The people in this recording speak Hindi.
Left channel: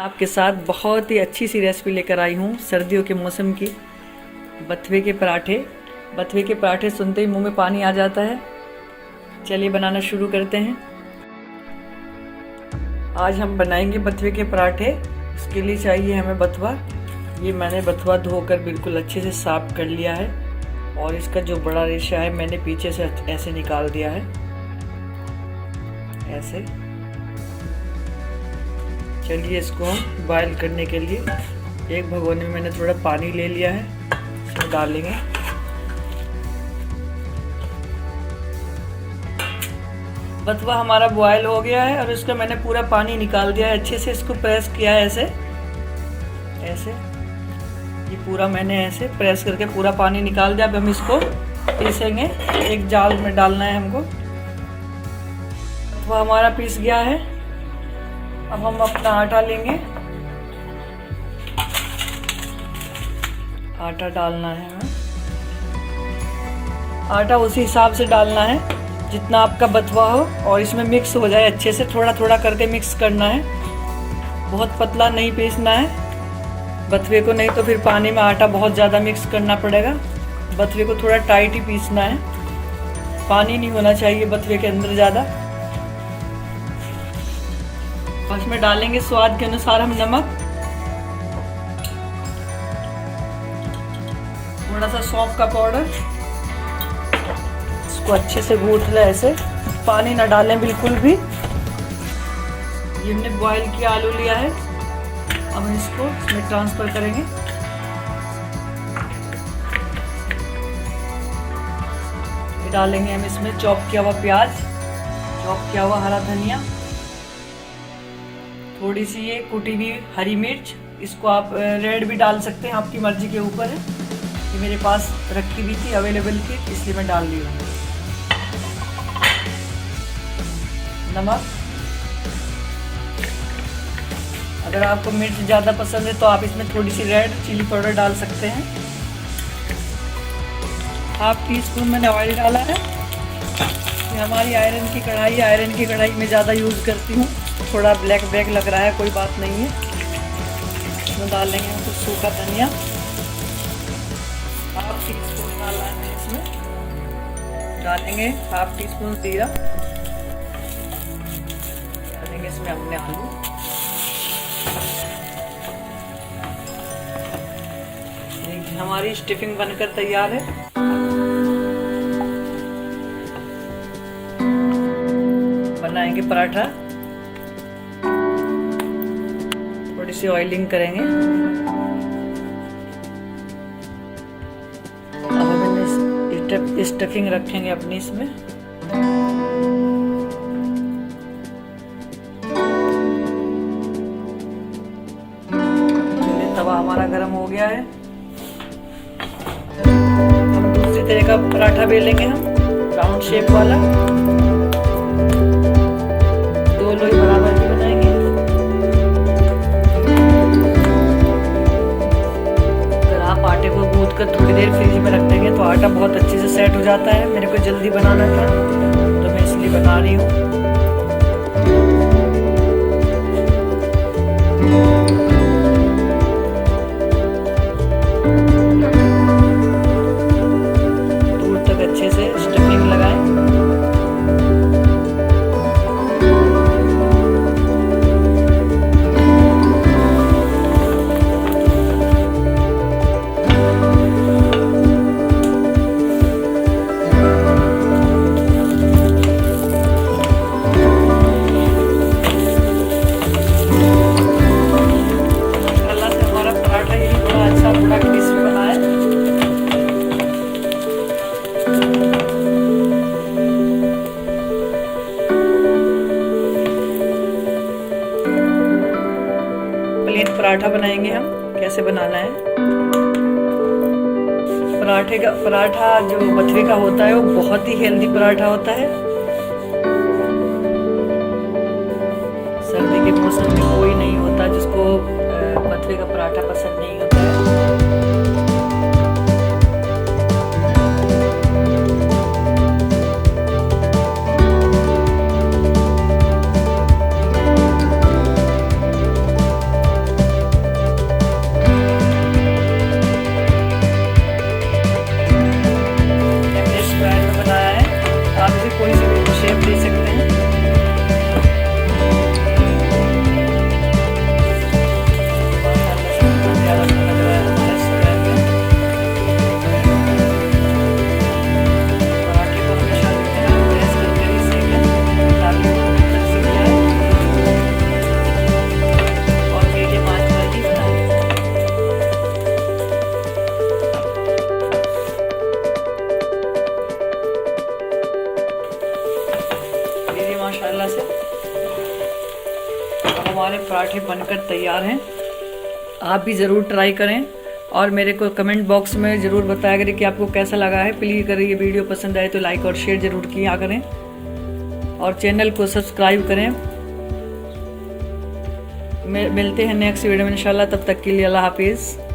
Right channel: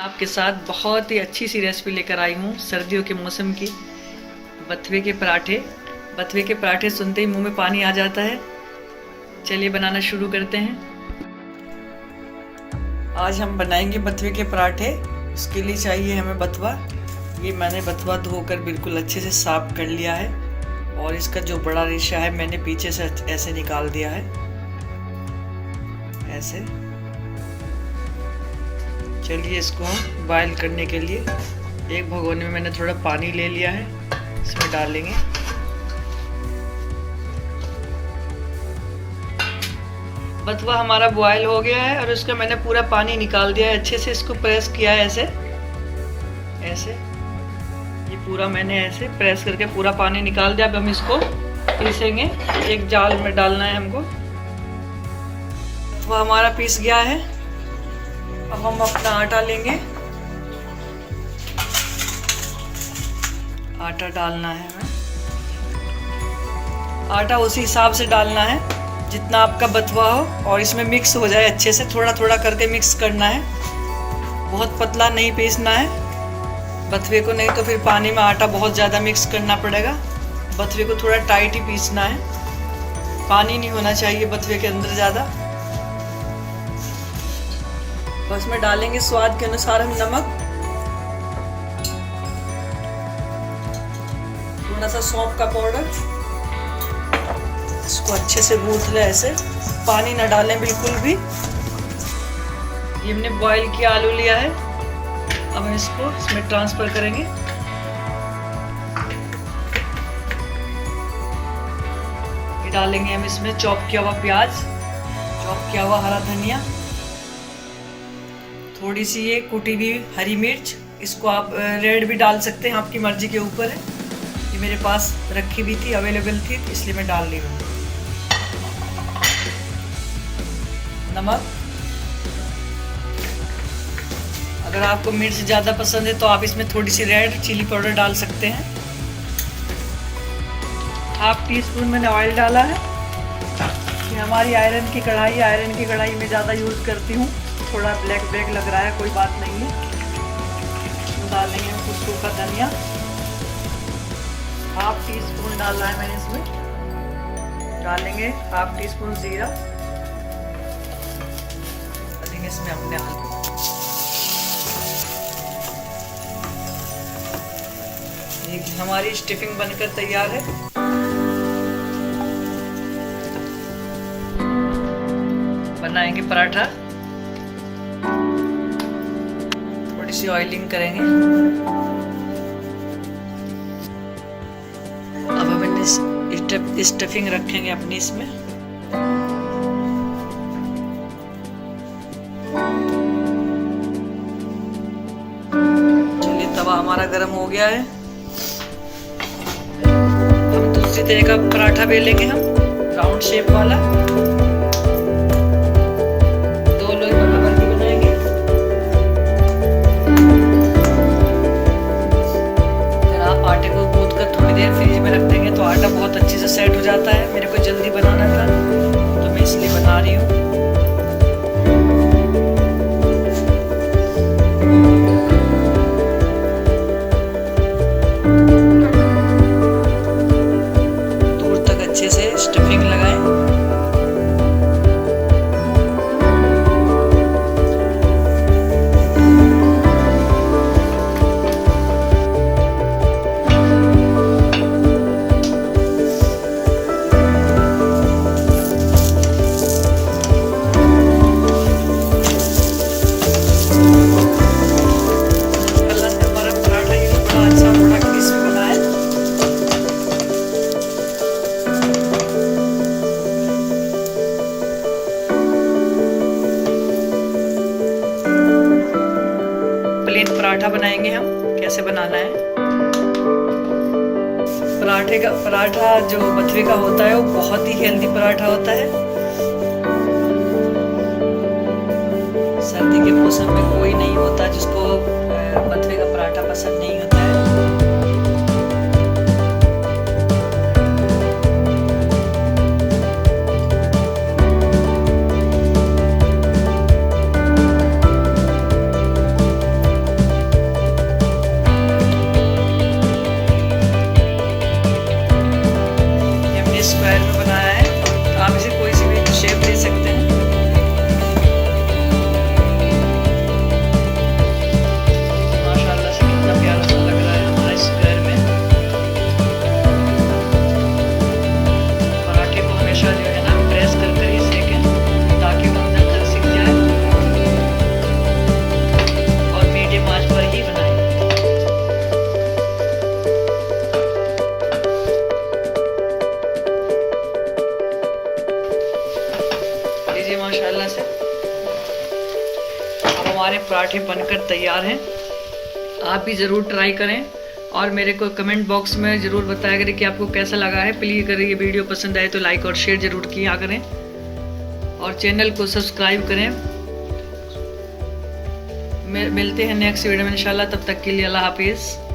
आपके साथ बहुत ही अच्छी सी रेसिपी लेकर आई हूँ सर्दियों के मौसम की। बथुए के पराठे। बथुए के पराठे सुनते ही मुंह में पानी आ जाता है। चलिए बनाना शुरू करते हैं। आज हम बनाएंगे बथुए के पराठे। इसके लिए चाहिए हमें बथुआ। ये मैंने बथुआ धोकर बिल्कुल अच्छे से साफ कर लिया है और इसका जो बड़ा रेशा है मैंने पीछे से ऐसे निकाल दिया है। ऐसे चलिए इसको हम बॉयल करने के लिए एक भगोने में मैंने थोड़ा पानी ले लिया है, इसमें डालेंगे। बथुआ हमारा बॉयल हो गया है और उसका मैंने पूरा पानी निकाल दिया है। अच्छे से इसको प्रेस किया है ऐसे ऐसे। ये पूरा मैंने ऐसे प्रेस करके पूरा पानी निकाल दिया। अब हम इसको पीसेंगे। एक जाल में डालना है हमको। बथुआ हमारा पीस गया है। अब हम अपना आटा लेंगे। आटा डालना है हमें। आटा उसी हिसाब से डालना है जितना आपका बथुआ हो और इसमें मिक्स हो जाए अच्छे से। थोड़ा थोड़ा करके मिक्स करना है, बहुत पतला नहीं पीसना है बथुए को, नहीं तो फिर पानी में आटा बहुत ज़्यादा मिक्स करना पड़ेगा। बथुए को थोड़ा टाइट ही पीसना है, पानी नहीं होना चाहिए बथुए के अंदर ज़्यादा। उसमें डालेंगे स्वाद के अनुसार हम नमक, थोड़ा सा सौंफ का पाउडर। इसको अच्छे से गूंथ ले ऐसे, पानी ना डालें बिल्कुल भी। ये हमने बॉईल किया आलू लिया है। अब हम इसको इसमें ट्रांसफर करेंगे। ये डालेंगे हम इसमें चॉप किया हुआ प्याज, चॉप किया हुआ हरा धनिया, थोड़ी सी ये कुटी हुई हरी मिर्च। इसको आप रेड भी डाल सकते हैं, आपकी मर्जी के ऊपर है। ये मेरे पास रखी हुई थी, अवेलेबल थी, इसलिए मैं डाल रही हूँ। नमक, अगर आपको मिर्च ज़्यादा पसंद है तो आप इसमें थोड़ी सी रेड चिली पाउडर डाल सकते हैं। 1/2 टीस्पून मैंने ऑयल डाला है। ये हमारी आयरन की कढ़ाई है, आयरन की कढ़ाई में ज़्यादा यूज़ करती हूँ। थोड़ा ब्लैक ब्लैक लग रहा है, कोई बात नहीं है। इसमें डाल देंगे हम कुछ सूखा धनिया। 1/2 टीस्पून डालना है मैंने इसमें। डालेंगे 1/2 टीस्पून जीरा। डालेंगे इसमें हमने आलू। देखिए हमारी स्टफिंग बनकर तैयार है। बनाएंगे पराठा। थोड़ी सी ऑयलिंग करेंगे। अब हमने स्टफिंग रखेंगे अपनी इसमें। चलिए तवा हमारा गर्म हो गया है। हम दूसरी तरह का पराठा बेलेंगे, हम राउंड शेप वाला। 2 लोई बराबर भी बनाएंगे। अगर आप आटे को गूंथ कर थोड़ी देर फ्रिज में रख देंगे तो आटा बहुत अच्छे से सेट हो जाता है। मेरे को जल्दी बनाना था तो मैं इसलिए बना रही हूँ। दूर तक अच्छे से स्टफिंग लगाएं। प्लेन पराठा बनाएंगे हम। कैसे बनाना है पराठा जो बथुए का होता है वो बहुत ही हेल्दी पराठा होता है। सर्दी के मौसम में कोई नहीं होता जिसको बथुए का पराठा पसंद नहीं होता है। हमारे पराठे बनकर तैयार हैं। आप भी ज़रूर ट्राई करें और मेरे को कमेंट बॉक्स में ज़रूर बताया करें कि आपको कैसा लगा है। प्लीज़ अगर ये वीडियो पसंद आए तो लाइक और शेयर ज़रूर किया करें और चैनल को सब्सक्राइब करें। मिलते हैं नेक्स्ट वीडियो में इंशाल्लाह। तब तक के लिए अल्लाह हाफिज़।